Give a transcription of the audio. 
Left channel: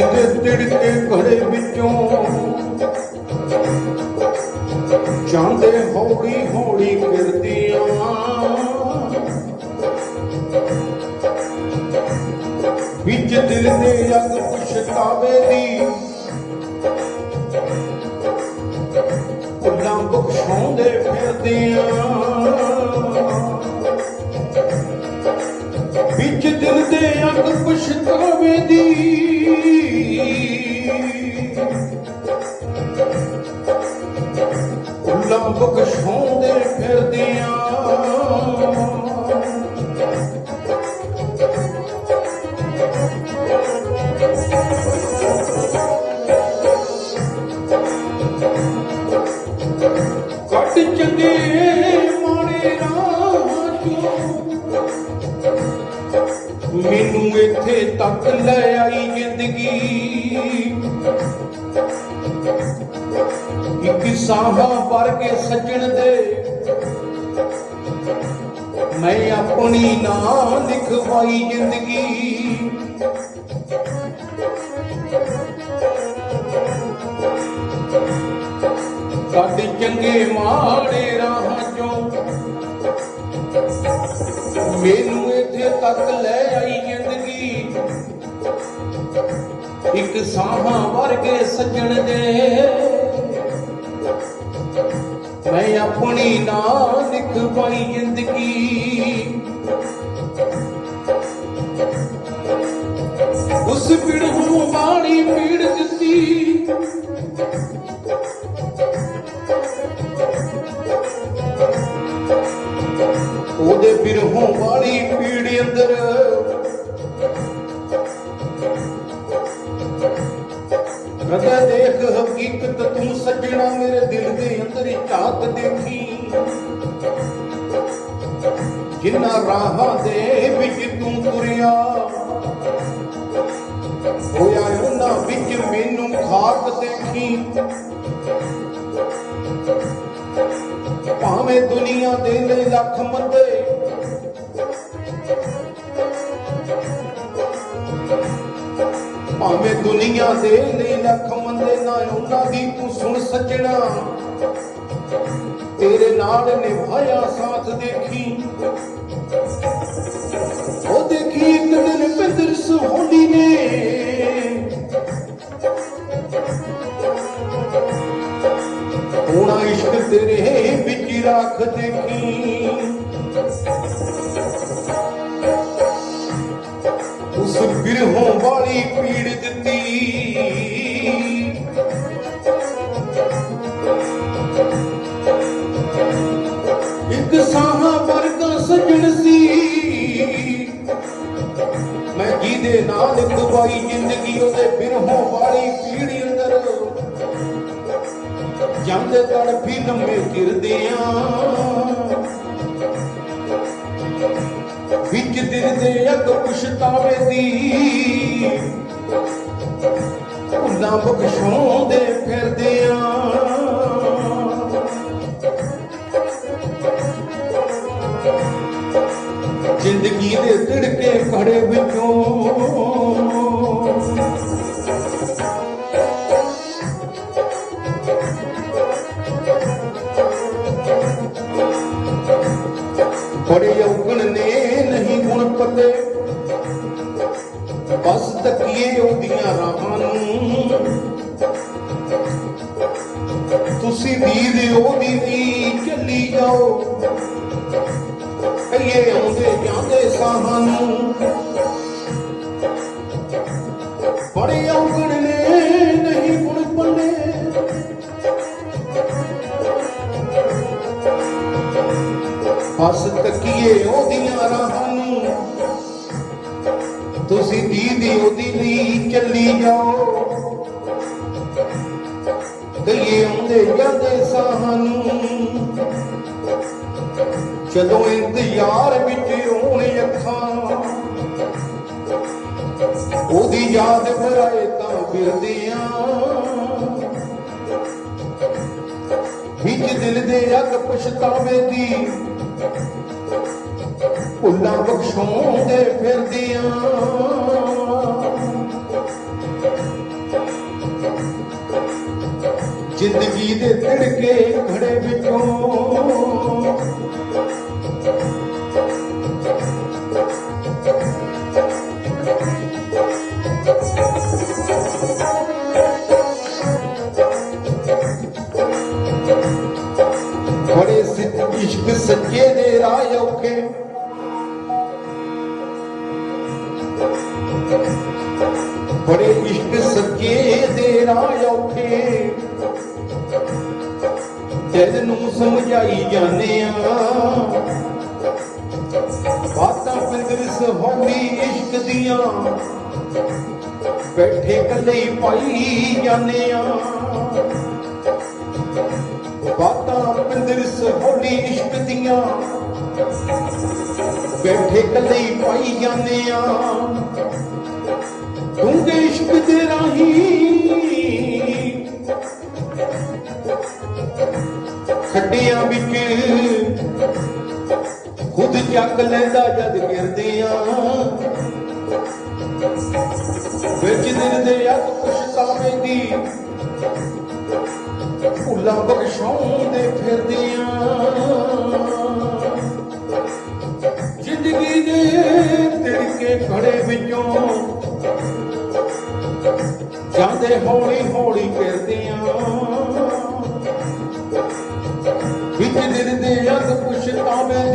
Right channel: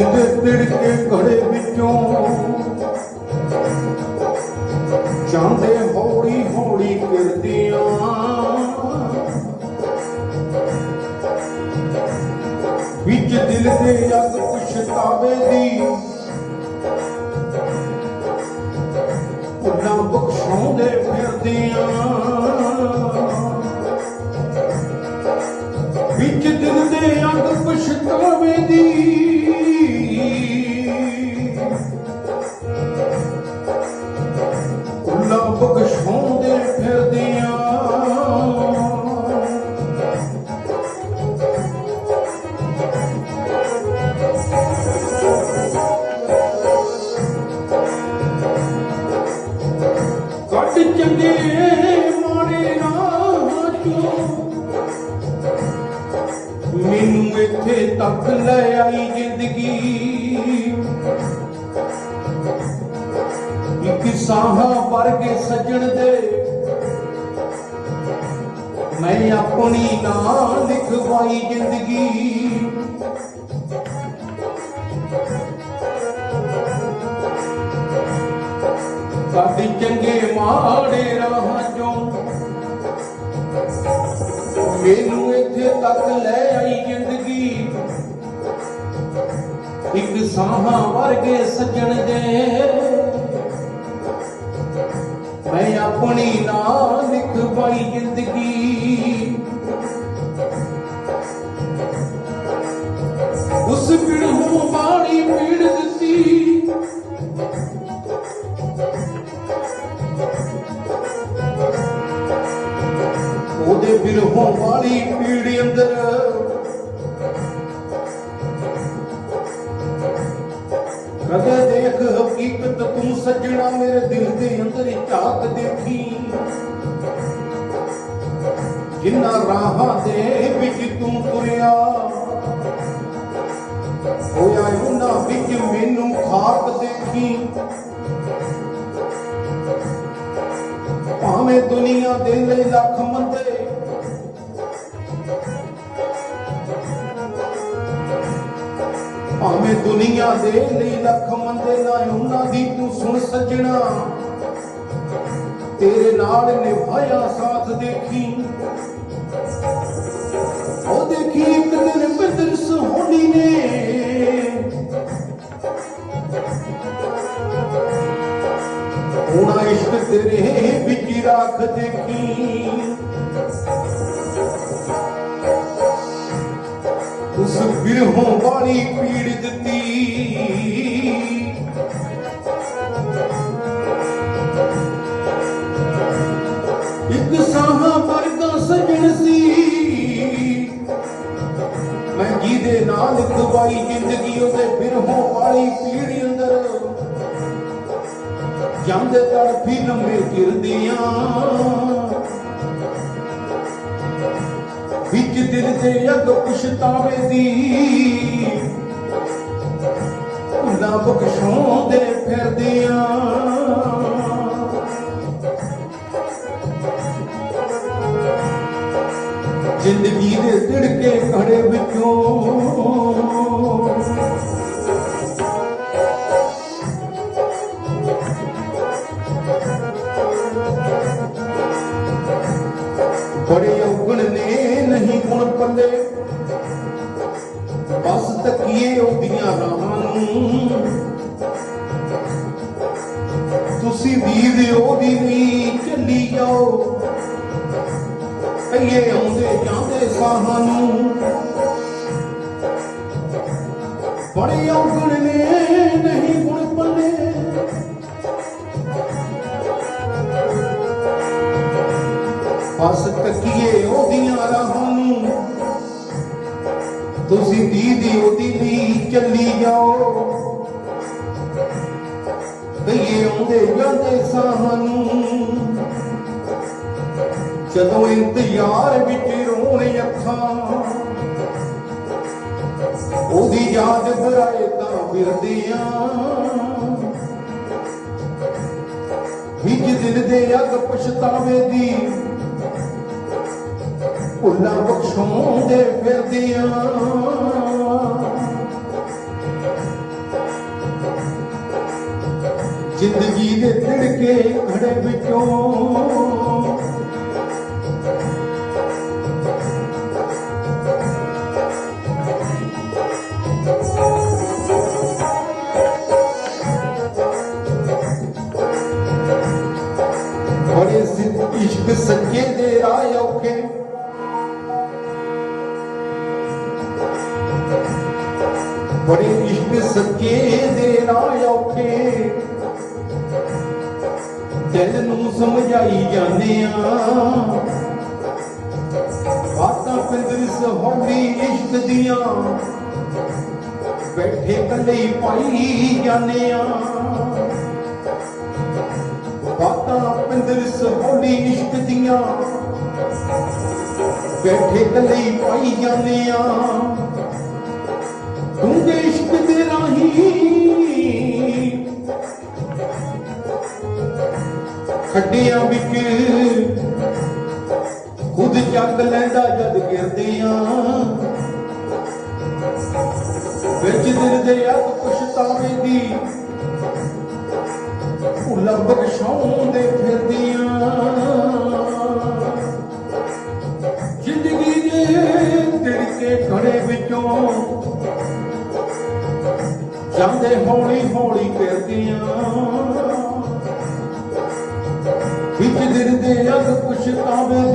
ਦੇ ਤਿੜਕੇ ਘੜੇ ਵਿੱਚੋਂ। ਜਾਂਦੇ ਹੌਲੀ ਹੌਲੀ ਫਿਰਦੀਆਂ ਵਿੱਚ ਦਿਲ ਦੇ ਅੱਗ ਪਛਤਾਵੇ ਦੀ। ਉਹਨਾਂ ਬਖਸ਼ਾਉਂਦੇ ਫਿਰਦੀਆਂ ਉਹਨਾਂ ਬਖਸ਼ਾਉਂਦੇ ਫਿਰਦੀਆਂ। ਕੱਟ ਚੰਗੇ ਮਾੜੇ ਰਾਹ ਚੋਂ ਮੈਨੂੰ ਇੱਥੇ ਤੱਕ ਲੈ ਆਈ ਜ਼ਿੰਦਗੀ। ਸਾਹਾਂ ਵਰਗੇ ਸੱਜਣ ਦੇ। ਮੈਂ ਆਪਣੀ ਨਾਂ ਲਿਖਵਾਈ ਜ਼ਿੰਦਗੀ। ਕੱਢ ਚੰਗੇ ਮਾੜੇ ਰਾਹਾਂ ਚੋਂ ਮੈਨੂੰ ਇੱਥੇ ਤੱਕ ਲੈ ਆਈ ਜ਼ਿੰਦਗੀ। ਇੱਕ ਸਾਹਾਂ ਵਰਗੇ ਸੱਜਣ ਦੇ। ਉਹਦੇ ਬਿਰਹੋਂ ਵਾਲੀ ਪੀੜੀ ਅੰਦਰ। ਕਦੇ ਦੇਖ, ਹਕੀਕਤ ਤੂੰ ਸੱਜਣਾ ਮੇਰੇ ਦਿਲ ਦੇ ਅੰਦਰ ਝਾਕ ਦੇਖੀ ਜਿੰਨਾ ਰਾਹਾਂ ਦੇ ਵਿੱਚ ਤੂੰ ਤੁਰਿਆ, ਹੋਇਆ ਉਹਨਾਂ ਵਿੱਚ ਮੈਨੂੰ ਖਾਕ ਦੇਖੀ ਭਾਵੇਂ ਦੁਨੀਆ ਦੇ ਲਈ ਲੱਖ ਮੰਦੇ ਭਾਵੇਂ ਦੁਨੀਆ ਦੇ ਲਈ ਲੱਖ ਮੰਦੇ ਨਾ, ਉਹਨਾਂ ਦੀ ਤੂੰ ਸੁਣ ਸੱਜਣਾ। ਤੇਰੇ ਨਾਲ ਨਿਭਾਇਆ ਸਾਥ ਦੇਖੀ। ਉਹ ਦੇਖੀ ਇੱਕ ਬਿੰਦਰ ਸੁਹਾਣੀ ਨੇ। ਰੱਖ ਦੇਖੀ। ਉਸ ਬਿਰਹੋਂ ਵਾਲੀ ਪੀੜ ਦਿੱਤੀ। ਇੱਕ ਸਾਹਾਂ ਵਰਗਾ ਸਜਣ ਸੀ। ਮੈਂ ਜਿਹਦੇ ਨਾਲ ਖਵਾਈ ਜ਼ਿੰਦਗੀ ਉਹਦੇ ਬਿਰਹੋਂ ਵਾਲੀ ਪੀੜ ਅੰਦਰ। ਜਾਂਦੇ ਤੜਫੀ ਲੰਮੇ ਗਿਰਦੀਆਂ। ਵਿੱਚ ਦਿਲ ਦੇ ਅੱਗ ਪੁਛਤਾਵੇ ਦੀ ਉਹਨਾਂ ਬਖਸ਼ੋਂਦੇ ਫਿਰਦੀਆਂ। ਜ਼ਿੰਦਗੀ ਦੇ ਤਕੀਏ ਤੁਸੀਂ ਵੀਰ ਉਹਦੀ ਦੀ ਚੱਲੀ ਜਾਓ? ਕਈਏ ਆਉਂਦੇ ਜਾਂਦੇ ਸਾਹਾਂ ਨੂੰ। ਚੱਲੀ ਜਾਓ। ਗਈਏ ਆਉਂਦੇ ਜਾਂਦੇ ਸਾਹਾਂ ਨੂੰ। ਜਦੋਂ ਇੰਤਜ਼ਾਰ ਵਿੱਚ ਰੋਣ ਅੱਖਾਂ ਉਹਦੀ ਯਾਦ ਬੁਲਾਏ ਤਾਂ ਫਿਰਦੀਆਂ। ਵਿੱਚ ਦਿਲ ਦੇ ਅੱਗ ਪਛਤਾਵੇ ਦੀ, ਉਹਨਾਂ ਬਖਸ਼ੋਂਦੇ ਫਿਰਦੀਆਂ। ਘੜੇ ਵਿੱਚੋਂ ਬੜੇ ਸਿੱਧ ਇਸ਼ਕ ਸੱਚੇ ਦੇ ਰਾਹ ਔਖੇ। ਬੜੇ ਇਸ਼ਕ ਸੱਚੇ ਦੇ ਰਾਹ ਔਖੇ। ਦਿਲ ਨੂੰ ਸਮਝਾਈ ਜਾਂਦੇ ਆ। ਬਾਤਾਂ ਪਿੰਦਰ ਸਹੌਲੀ ਇਸ਼ਕ ਦੀਆਂ, ਬੈਠੇ ਕੱਲੇ ਪਾਈ ਜਾਂਦੇ ਆ। ਬਾਤਾਂ ਪਿੰਦਰ ਸਹੌਲੀ ਇਸ਼ਕ ਦੀਆਂ, ਬੈਠੇ ਕੱਲੇ ਪਾਈ ਜਾਂਦੇ ਆ। ਡੂੰਘੇ ਇਸ਼ਕ ਲੈਂਦਾ ਜਦ ਗਿਰਦੇ ਆ ਵਿੱਚ ਦਿਲ ਦੇ ਅੱਗ ਪਛਤਾਵੇ ਦੀ ਭੁੱਲਾਂ ਬਖਸ਼ਾਉਂਦੇ ਫਿਰਦੀਆਂ। ਜ਼ਿੰਦਗੀ ਦੇ ਤਿੜਕੇ ਖੜੇ ਵਿੱਚੋਂ ਜਾਂਦੇ ਹੌਲੀ ਹੌਲੀ ਫਿਰਦੀਆਂ। ਵਿੱਚ ਦਿਲ ਦੇ ਅੱਗ ਪਛਤਾਵੇ